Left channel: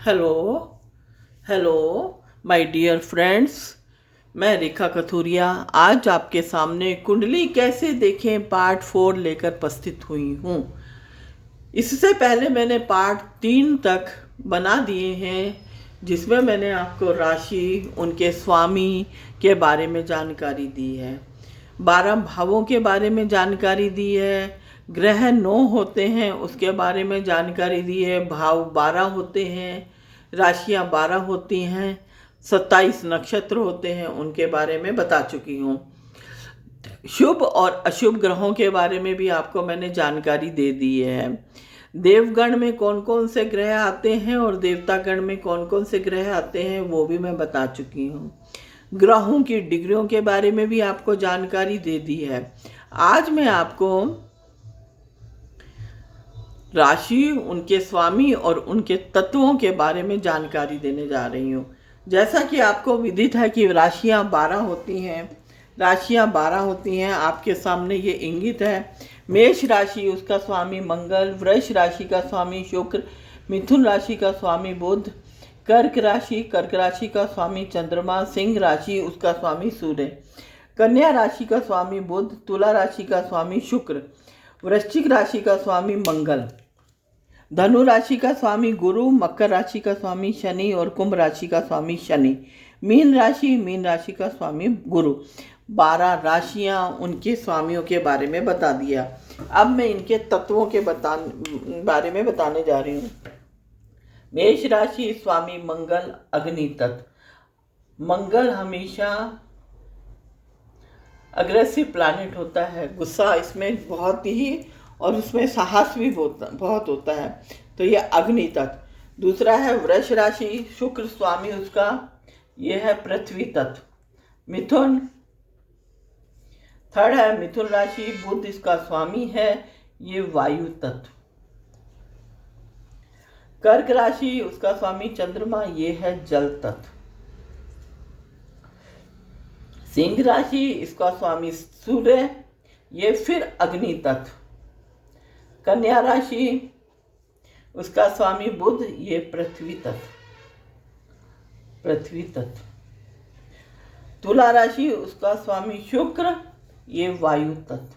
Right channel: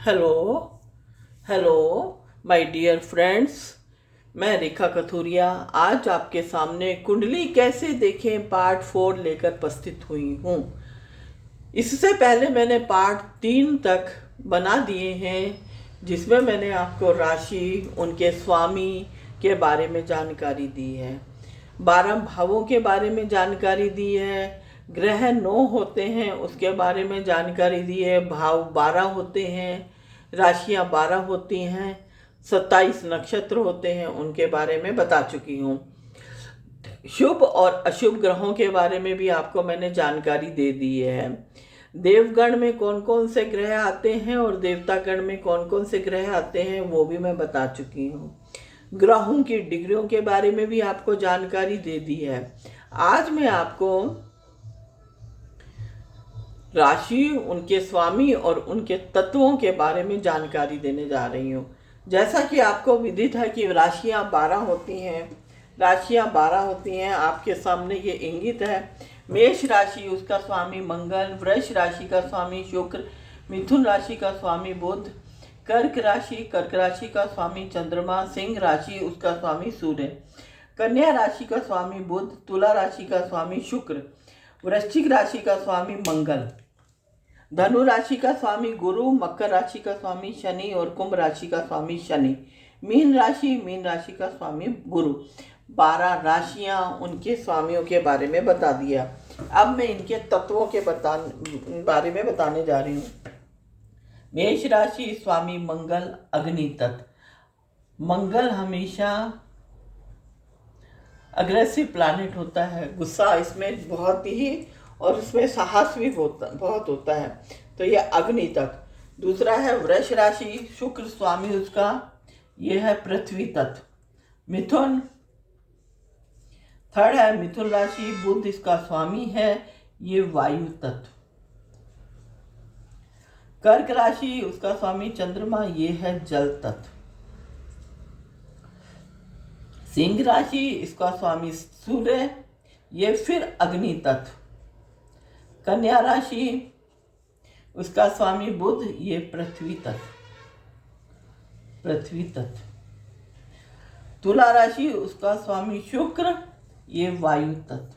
Hello hello my dear friends. मैं रेखा कथूरिया आज आपके सामने कुंडली कैसे देखें पार्ट 4 लेकर उपस्थित हुई हूँ। इससे पहले मैंने पार्ट 3 तक बना दिए हैं, जिसमें मैंने आपको राशि, उनके स्वामी के बारे में जानकारी दी है, 12 भावों के बारे में जानकारी दी है, ग्रह 9 होते हैं उसके बारे में जानकारी दी है, भाव 12 होते हैं, राशियां 12 होती हैं, 27 नक्षत्र होते हैं उनके बारे में बता चुकी हूँ। शुभ और अशुभ ग्रहों के बारे में भी आपको मैंने जानकारी दे दी है। देवगण में कौन कौन से ग्रह आते हैं और देवतागण में कौन कौन से ग्रह आते हैं वो भी मैं बता चुकी हूँ। ग्रहों की डिग्रियों के बारे में भी आपको जानकारी दे दी है। आज मैं आपको राशि, उनके स्वामी और उनके तत्वों के बारे में जानकारी देने जा रही हूँ। जैसा कि आपको विदित है कि राशियाँ 12 होती हैं, आपके सामने ये इंगित है। मेष राशि, उसका स्वामी मंगल, वृष राशि का स्वामी शुक्र, मिथुन राशि का स्वामी बुध, कर्क राशि का स्वामी चंद्रमा, सिंह राशि उसका स्वामी सूर्य, कन्या राशि का स्वामी बुध, तुला राशि का स्वामी शुक्र, वृश्चिक राशि का स्वामी मंगल, धनु राशि का स्वामी गुरु, मकर राशि का स्वामी शनि और कुंभ राशि का स्वामी शनि, मीन राशि का स्वामी गुरु। 12 राशियां उनके स्वामियों के बारे में बता दिया। अब मैं इनके तत्वों के बारे में बताने जा रही हूँ। मेष राशि, स्वामी मंगल, अग्नि तत्व। मंगल हमेशा अग्रेसिव प्लैनेट होता है, गुस्सा इसमें बहुत ही, और उसमें साहस भी बहुत होता है, तो ये अग्नि तत्व। दूसरा है वृष राशि, शुक्र स्वामी उसका, ये है पृथ्वी तत्व। मिथुन, थर्ड है मिथुन राशि, बुध इसका स्वामी है, ये वायु तत्व। कर्क राशि, उसका स्वामी चंद्रमा, ये है जल तत्व। सिंह राशि, इसका स्वामी सूर्य, ये फिर अग्नि तत्व। कन्या राशि, उसका स्वामी बुध, ये पृथ्वी तत्व। तुला राशि, उसका स्वामी शुक्र, ये वायु तत्व।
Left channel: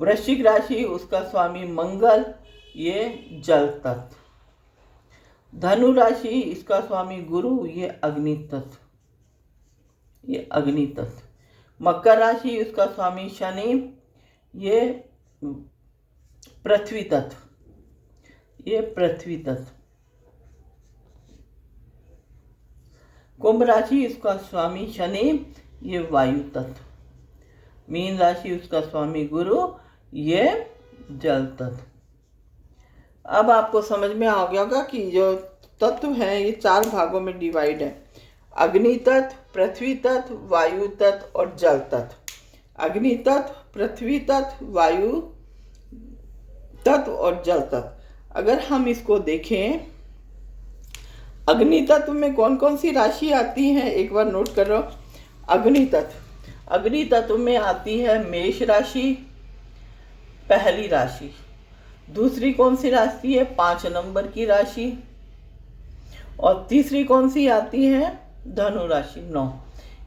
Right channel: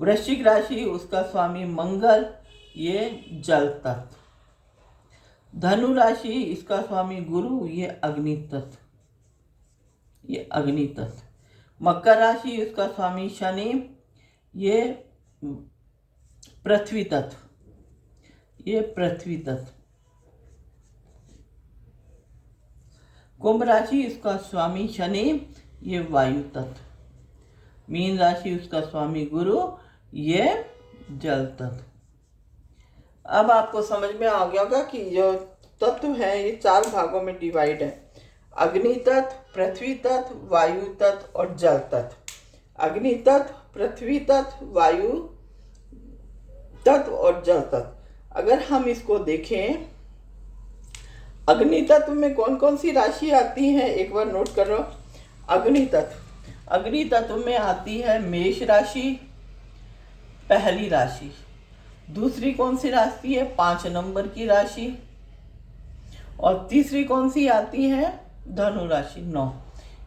वृश्चिक राशि, उसका स्वामी मंगल, ये जल तत्व। धनु राशि, इसका स्वामी गुरु, ये अग्नि तत्व। मकर राशि, उसका स्वामी शनि, ये पृथ्वी तत्व। कुंभ राशि, इसका स्वामी शनि, ये वायु तत्व। मीन राशि, उसका स्वामी गुरु, ये जल तत्व। अब आपको समझ में आ गया होगा कि जो तत्व है ये 4 भागों में डिवाइड है: अग्नि तत्व, पृथ्वी तत्व, वायु तत्व और जल तत्व। अग्नि तत्व, पृथ्वी तत्व, वायु तत्व और जल तत्व। अगर हम इसको देखें, अग्नि तत्व में कौन कौन सी राशि आती है एक बार नोट कर लो। अग्नि तत्व में आती है मेष राशि, पहली राशि। दूसरी कौन सी राशि है? 5 नंबर की राशि। और तीसरी कौन सी आती है? धनु राशि 9।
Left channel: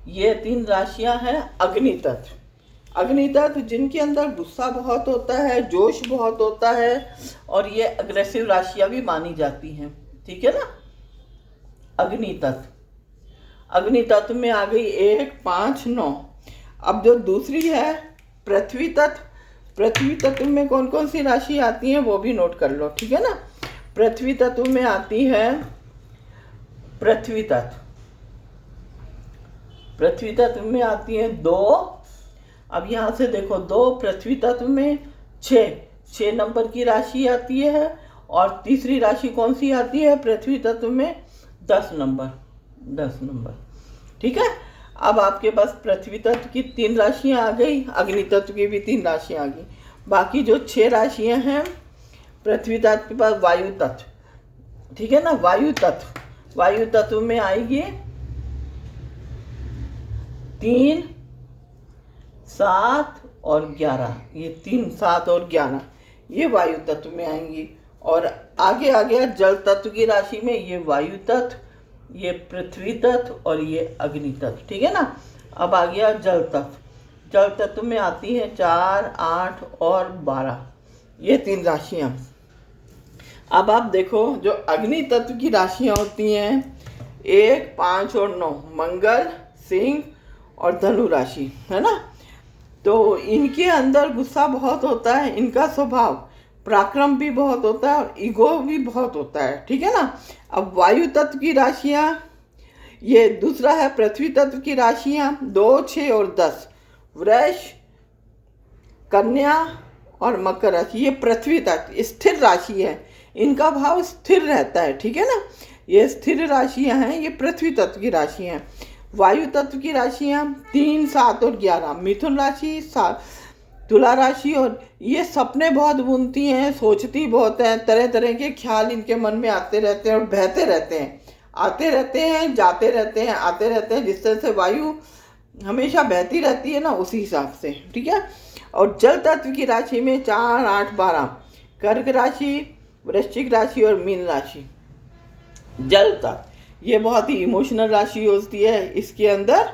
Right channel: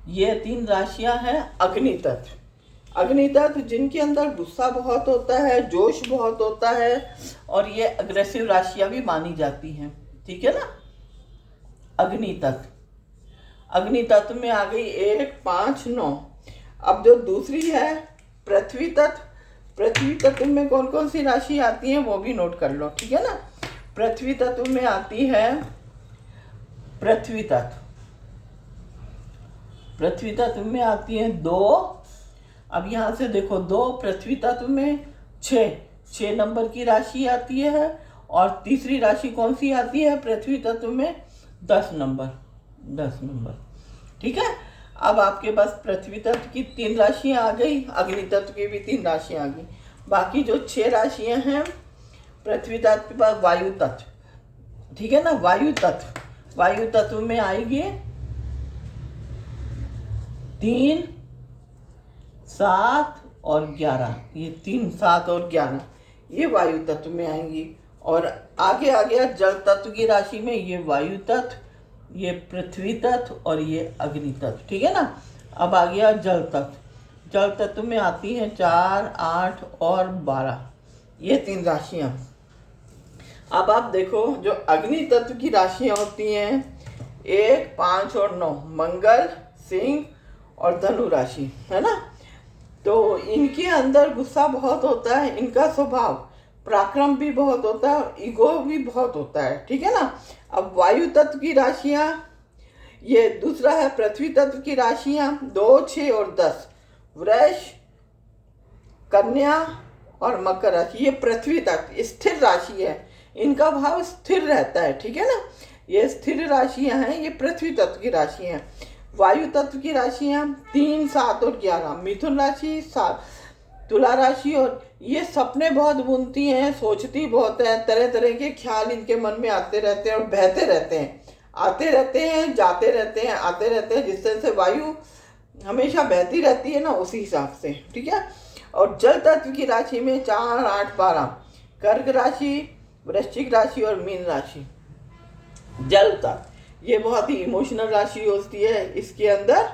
ये 3 राशियां हैं अग्नि तत्व। अग्नि तत्व जिनके अंदर गुस्सा बहुत होता है, जोश बहुत होता है, और ये अग्रेसिव राशियां भी मानी जाती हैं, ठीक है ना। अग्नि तत्व में आ गई 1, 5, 9। अब जो दूसरी है पृथ्वी तत्व में कौन कौन सी राशि आती है वो भी नोट कर लो, ठीक है ना। पृथ्वी तत्व में आती है पृथ्वी तत्व में आती है 2। अब यहाँ से देखो 2 पृथ्वी तत्व में 6 नंबर की राशि आती है, और तीसरी राशि कौन सी आती है पृथ्वी तत्व में? 10 नंबर, ठीक है। अब आपके पास पृथ्वी तत्व की 3 राशियां आ गई, अग्नि तत्व की भी 3 राशियां आ गई। बाकी जो 6 राशियां हैं पृथ्वी तत्व के पास वायु तत्व, ठीक है ना। वायु तत्व में आएगी 3, 7 और 11। ये 3, 7 और 11 ये वायु तत्व में आएंगी। और आगे आ गया जल तत्व की राशि में, ये वायु तत्व, ये पृथ्वी तत्व और ये अग्नि तत्व, ठीक है ना। अब आ गया जल तत्व। जल तत्व में आती हैं 4, 8 और 12, ये 3 राशियां। अब आप देखो जो अग्नि तत्व की राशियां होती हैं 1, 5 और 9, मंगल, सिंह और धनु राशि, है ना। तो इनके अंदर गुस्सा बहुत होता है, इनका स्वभाव पराक्रम भी बहुत होता है और ईगो भी बहुत होता है, ठीक है ना। अब वायु तत्व की राशियां, ये दूसरा है पृथ्वी तत्व की राशियां 2, 6 और 10, वृष, कन्या और मकर राशि, ये पृथ्वी तत्व स्थिर राशि है, इनका भाव स्थिर रहता है, ठीक है ना। ये स्थिर राशियां हैं, ये पृथ्वी तत्व की राशियां हैं। वायु तत्व की राशियां 3, 7 और 11, मिथुन राशि, तुला राशि, और ये सपने बहुत बुनती हैं, सोचती बहुत है, तरह तरह के ख्याल इनके मन में आते रहते हैं और बहते रहते हैं, आते रहते हैं, जाते रहते हैं, आते रहते हैं, जिस तरह से वायु हमेशा बहती रहती है ना, उसी हिसाब से, ठीक है। और जल तत्व की राशि में 4, 8, 12, कर्क राशि, वृश्चिक राशि और मीन राशि। जल तत्व ये बहुत ही इमोशनल राशि होती है, इसके अंदर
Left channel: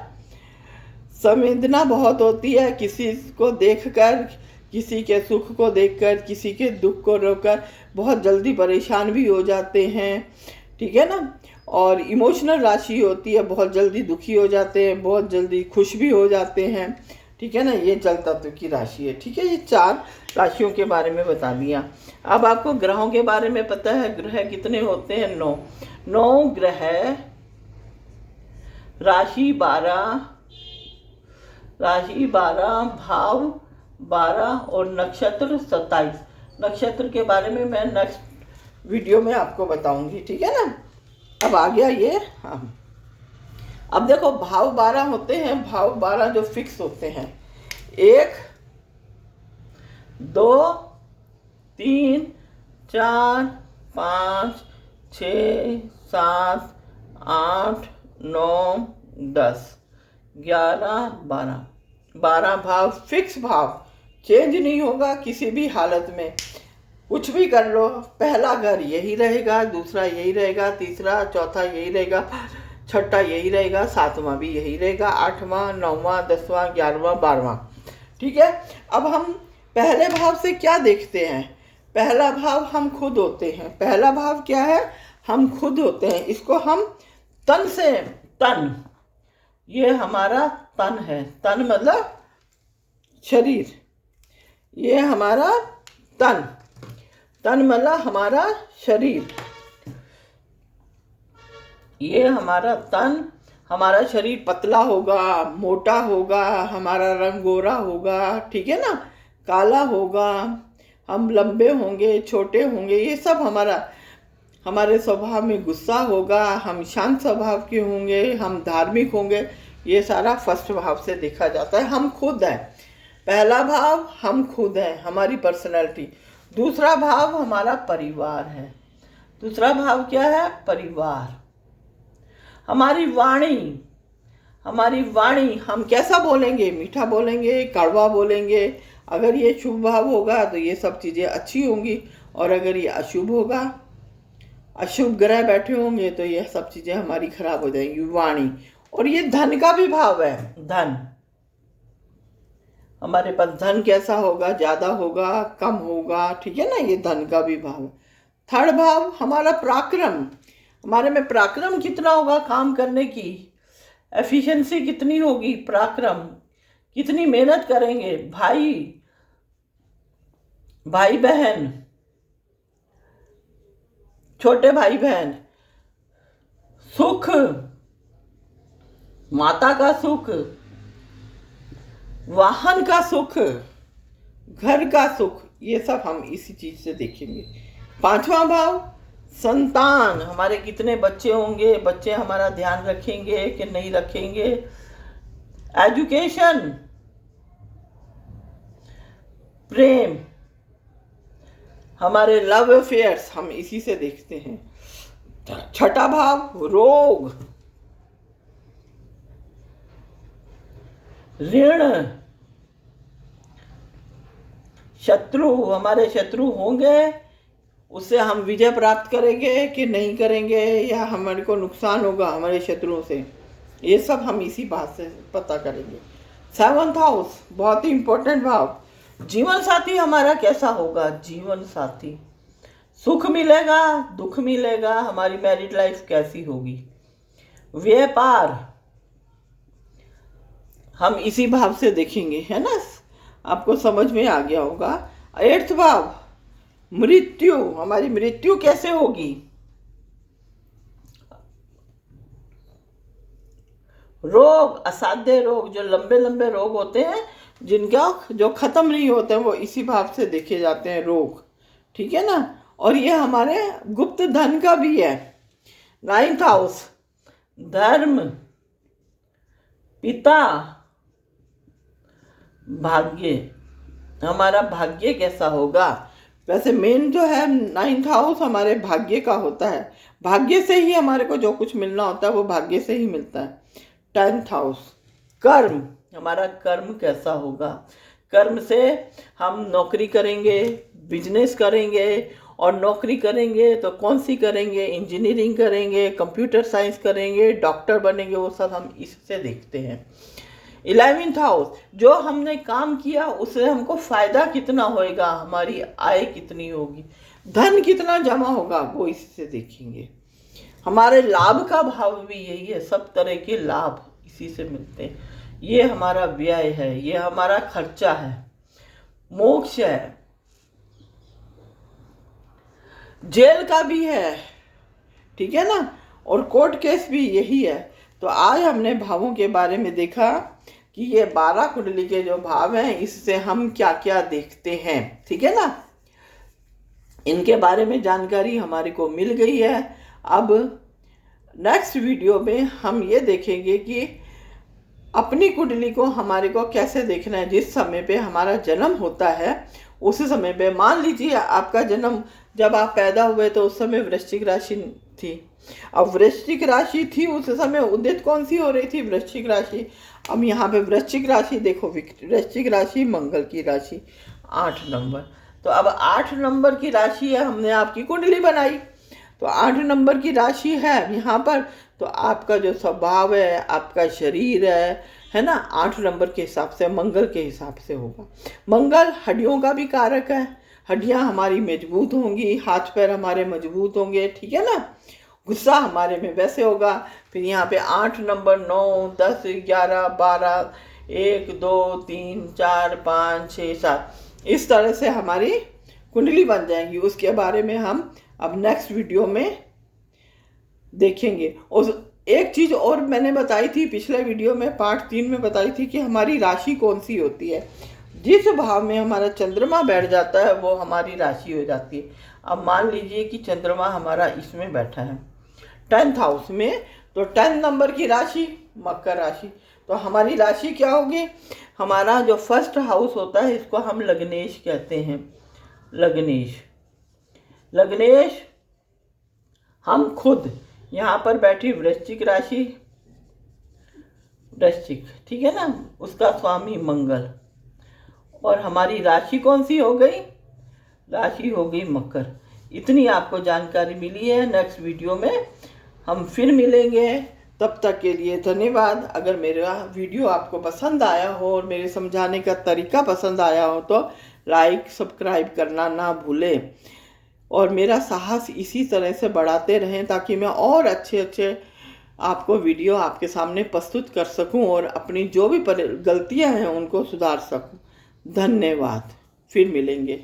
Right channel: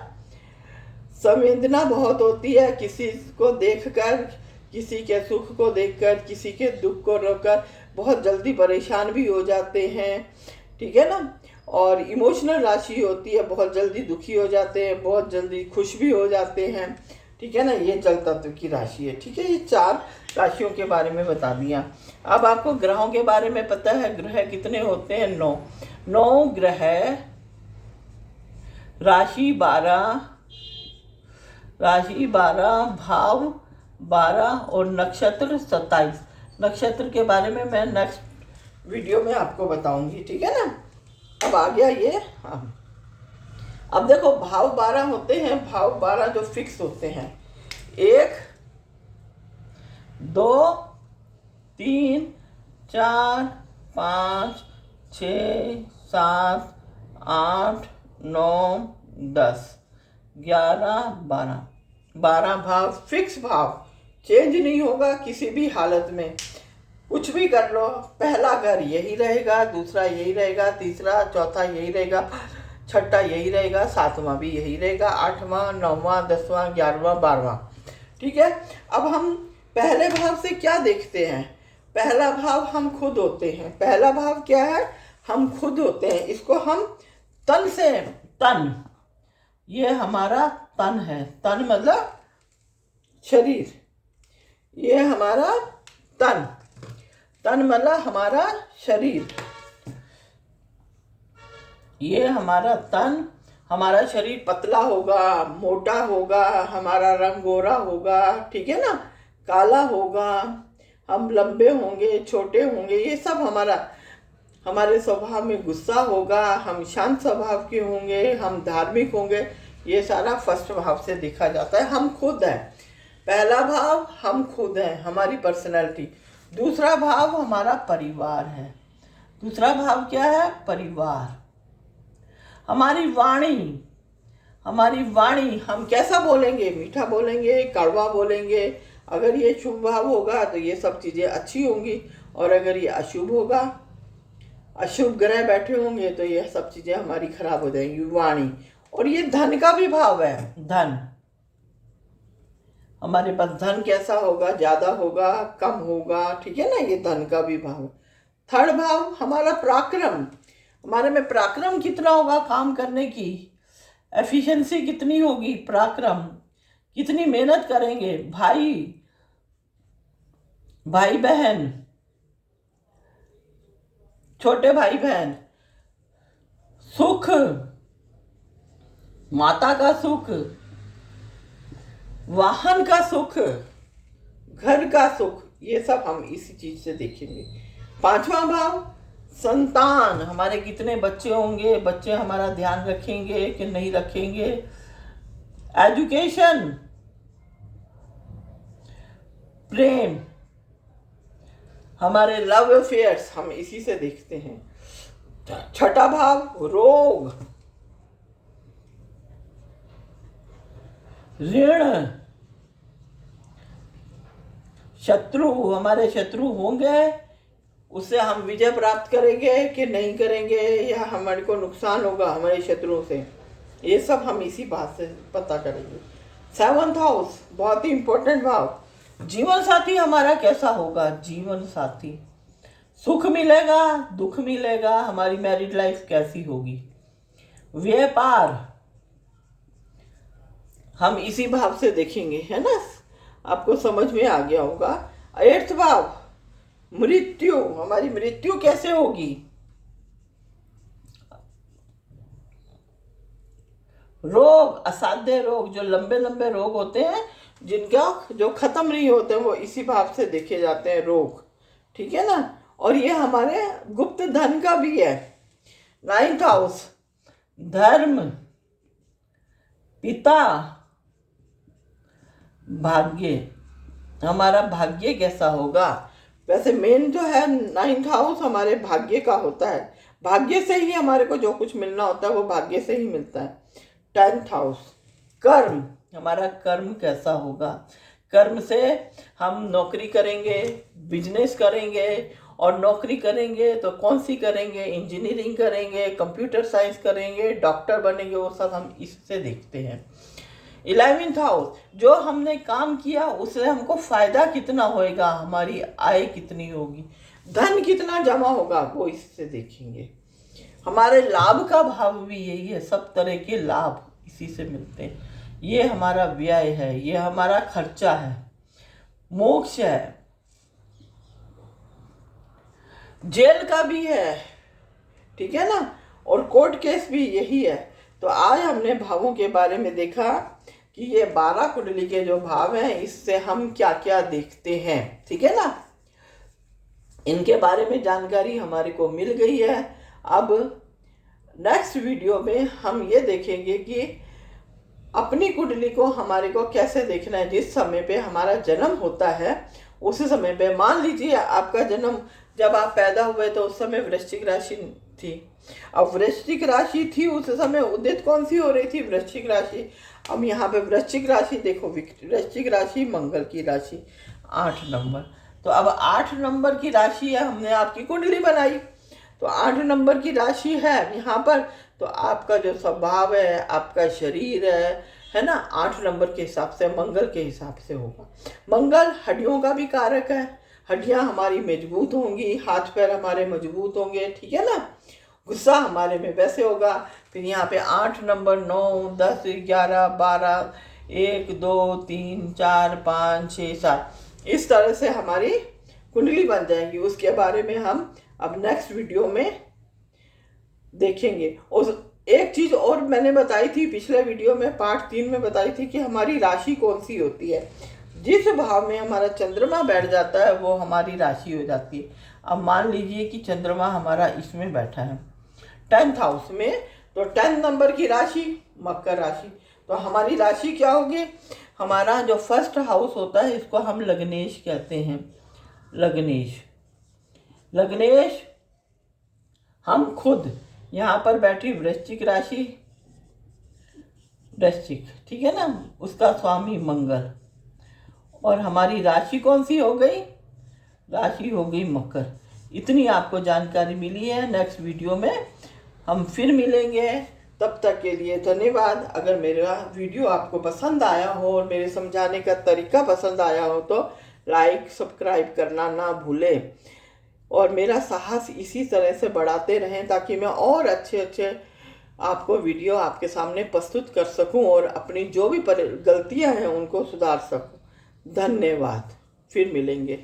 संवेदना बहुत होती है, किसी को देखकर, किसी के सुख को देखकर, किसी के दुख को रोककर बहुत जल्दी परेशान भी हो जाते हैं, ठीक है ना। और इमोशनल राशि होती है, बहुत जल्दी दुखी हो जाते हैं, बहुत जल्दी खुश भी हो जाते हैं, ठीक है ना। ये जल तत्व की राशि है, ठीक है। ये 4 राशियों के बारे में बता दिया। अब आपको ग्रहों के बारे में पता है, ग्रह कितने होते हैं? 9 ग्रह, राशि 12, भाव 12 और नक्षत्र 27। नक्षत्र के बारे में मैं नेक्स्ट वीडियो में आपको बताऊंगी, ठीक है ना। अब आ गया ये, हाँ, अब देखो भाव 12 होते हैं, भाव 12 जो फिक्स होते हैं, 1, 2, 3, 4, 5, 6, 7, 8, 9, 10, 11, 12, 12 भाव फिक्स भाव, चेंज नहीं होगा किसी भी हालत में, कुछ भी कर लो, पहला घर यही रहेगा, दूसरा यही रहेगा, तीसरा चौथा यही रहेगा, छठा यही रहेगा, 7वां भी यही रहेगा, 8वां, 9वां, 10वां, 11वां, 12वां, ठीक है। अब हम पहले भाव से क्या देखते हैं? पहला भाव हम खुद होते हैं। पहला भाव क्या है? हम खुद होते हैं। इसको हम तन से, तन, ये हमारा तन है, तन मतलब शरीर, ये हमारा तन, तन मतलब हमारा शरीर, ये हमारा तन, हमारा शरीर पतला होगा, मोटा होगा, हमारा रंग गोरा होगा, ठीक है ना, काला होगा, हम लंबे होंगे, छोटे होंगे, ये सब हमारे स्वभाव में गुस्सा होगा, हम शांत स्वभाव के होंगे, हम धार्मिक होंगे, ये सारा फर्स्ट भाव से देखा जाता है। हम खुद हैं, पहला भाव हम खुद हैं, हमारी पर्सनैलिटी। दूसरा भाव हमारा परिवार है। दूसरा भाव क्या है? परिवार। हमारी वाणी, हमारी वाणी, हम कैसा बोलेंगे? मीठा बोलेंगे, कड़वा बोलेंगे। अगर ये शुभ भाव होगा तो ये सब चीज़ें अच्छी होंगी, और अगर ये अशुभ होगा, अशुभ ग्रह बैठे होंगे, तो ये सब चीज़ें हमारी खराब हो जाएंगी, वाणी। और ये धन का भी भाव है, धन, हमारे पास धन कैसा होगा, ज़्यादा होगा, कम होगा, ठीक है ना, ये धन का भी भाव। थर्ड भाव हमारा पराक्रम, हमारे में पराक्रम कितना होगा, काम करने की एफिशिएंसी कितनी होगी, पराक्रम, कितनी मेहनत करेंगे, भाई बहन, छोटे भाई बहन, सुख, माता का सुख, वाहन का सुख, घर का सुख, ये सब हम इसी चीज से देखेंगे। 5वां भाव संतान, हमारे कितने बच्चे होंगे, बच्चे हमारा ध्यान रखेंगे कि नहीं रखेंगे। एजुकेशन, प्रेम, हमारे लव अफेयर्स, हम इसी से देखते हैं। 6ठा भाव रोग, ऋण, शत्रु, हमारे शत्रु होंगे, उससे हम विजय प्राप्त करेंगे कि नहीं करेंगे, या हमारे को नुकसान होगा हमारे शत्रुओं से, ये सब हम इसी बात से पता करेंगे। 7th हाउस बहुत ही इंपॉर्टेंट भाव। जीवन साथी हमारा कैसा होगा? जीवन साथी, सुख मिलेगा, दुख मिलेगा, हमारी मैरिड लाइफ कैसी होगी? व्यापार हम इसी भाव से देखेंगे, है ना? आपको समझ में आ गया होगा। 8th भाव, मृत्यु, हमारी मृत्यु कैसे होगी? रोग, असाध्य रोग, जो लंबे लंबे रोग होते हैं जिनका जो खत्म नहीं होते हैं, वो इसी भाव से देखे जाते हैं, रोग, ठीक है ना? और ये हमारे गुप्त धन का भी है। 9th हाउस, धर्म, पिता, भाग्य, हमारा भाग्य कैसा होगा? वैसे मेन जो है 9th हाउस हमारे भाग्य का होता है, भाग्य से ही हमारे को जो कुछ मिलना होता है वो भाग्य से ही मिलता है। 10th हाउस, कर्म, हमारा कर्म कैसा होगा? कर्म से हम नौकरी करेंगे, बिजनेस करेंगे, और नौकरी करेंगे तो कौन सी करेंगे? इंजीनियरिंग करेंगे, कंप्यूटर साइंस करेंगे, डॉक्टर बनेंगे, वो सब हम इससे देखते हैं। 11th हाउस, जो हमने काम किया उससे हमको फायदा कितना होएगा, हमारी आय कितनी होगी, धन कितना जमा होगा, वो इससे देखेंगे। हमारे लाभ का भाव भी यही है, सब तरह के लाभ इसी से मिलते हैं। ये हमारा व्यय है, ये हमारा खर्चा है। मोक्ष है, जेल का भी है, ठीक है ना? और कोर्ट केस भी यही है। तो आज हमने भावों के बारे में देखा कि ये 12 कुंडली के जो भाव हैं, इससे हम क्या क्या देखते हैं, ठीक है ना? इनके बारे में जानकारी हमारे को मिल गई है। अब नेक्स्ट वीडियो में हम ये देखेंगे कि अपनी कुंडली को हमारे को कैसे देखना है। जिस समय पे हमारा जन्म होता है उस समय पे, मान लीजिए आपका जन्म जब आप पैदा हुए तो उस समय वृश्चिक राशि थी। अब वृश्चिक राशि थी उस समय, उदित कौन सी हो रही थी? वृश्चिक राशि। अब यहाँ पे वृश्चिक राशि देखो, वृश्चिक राशि मंगल की राशि, 8 नंबर। तो अब 8 नंबर की राशि है, हमने आपकी कुंडली बनाई तो 8 नंबर की राशि है यहाँ पर। तो आपका जो स्वभाव है, आपका शरीर है ना, 8 नंबर के हिसाब से, मंगल के हिसाब से होगा। मंगल हड्डियों का भी कारक है, हड्डियां हमारी मजबूत होंगी, हाथ पैर हमारे मजबूत होंगे, ठीक है ना? गुस्सा हमारे में वैसे होगा। फिर यहाँ पे 8 नंबर, 9, 10, 11, 12, 1, 2, 3, 4, 5, 6, 7, इस तरह से हमारी कुंडली बन जाएंगी। उसके बारे में हम अब नेक्स्ट वीडियो में देखेंगे। और एक चीज और मैंने बताई थी पिछले वीडियो में, पार्ट 3 में बताई थी कि हमारी राशि कौन सी होती है। जिस भाव में हमारा चंद्रमा बैठ जाता है वो हमारी राशि हो जाती है। अब मान लीजिए कि चंद्रमा हमारा इसमें बैठा है 10th हाउस में, तो 10 नंबर की राशि मकर राशि, तो हमारी राशि क्या होगी? हमारा जो फर्स्ट हाउस होता है इसको हम लग्नेश कहते हैं। लग्नेश, लग्नेश हम खुद यहाँ पर बैठी वृश्चिक राशि, वृश्चिक, ठीक है ना, उसका स्वामी मंगल, और हमारी राशि कौन सी हो गई? राशि हो गई मकर। इतनी आपको जानकारी मिली है। नेक्स्ट वीडियो में हम फिर मिलेंगे, तब तक के लिए धन्यवाद। अगर मेरा वीडियो आपको पसंद आया हो और मेरे समझाने का तरीका पसंद आया हो तो लाइक सब्सक्राइब करना ना भूलें, और मेरा साहस इसी तरह से बढ़ाते रहें ताकि मैं और अच्छे आपको वीडियो आपके सामने प्रस्तुत कर सकूं और अपनी जो भी गलतियां हैं उनको सुधार सकूं। धन्यवाद, फिर मिलेंगे।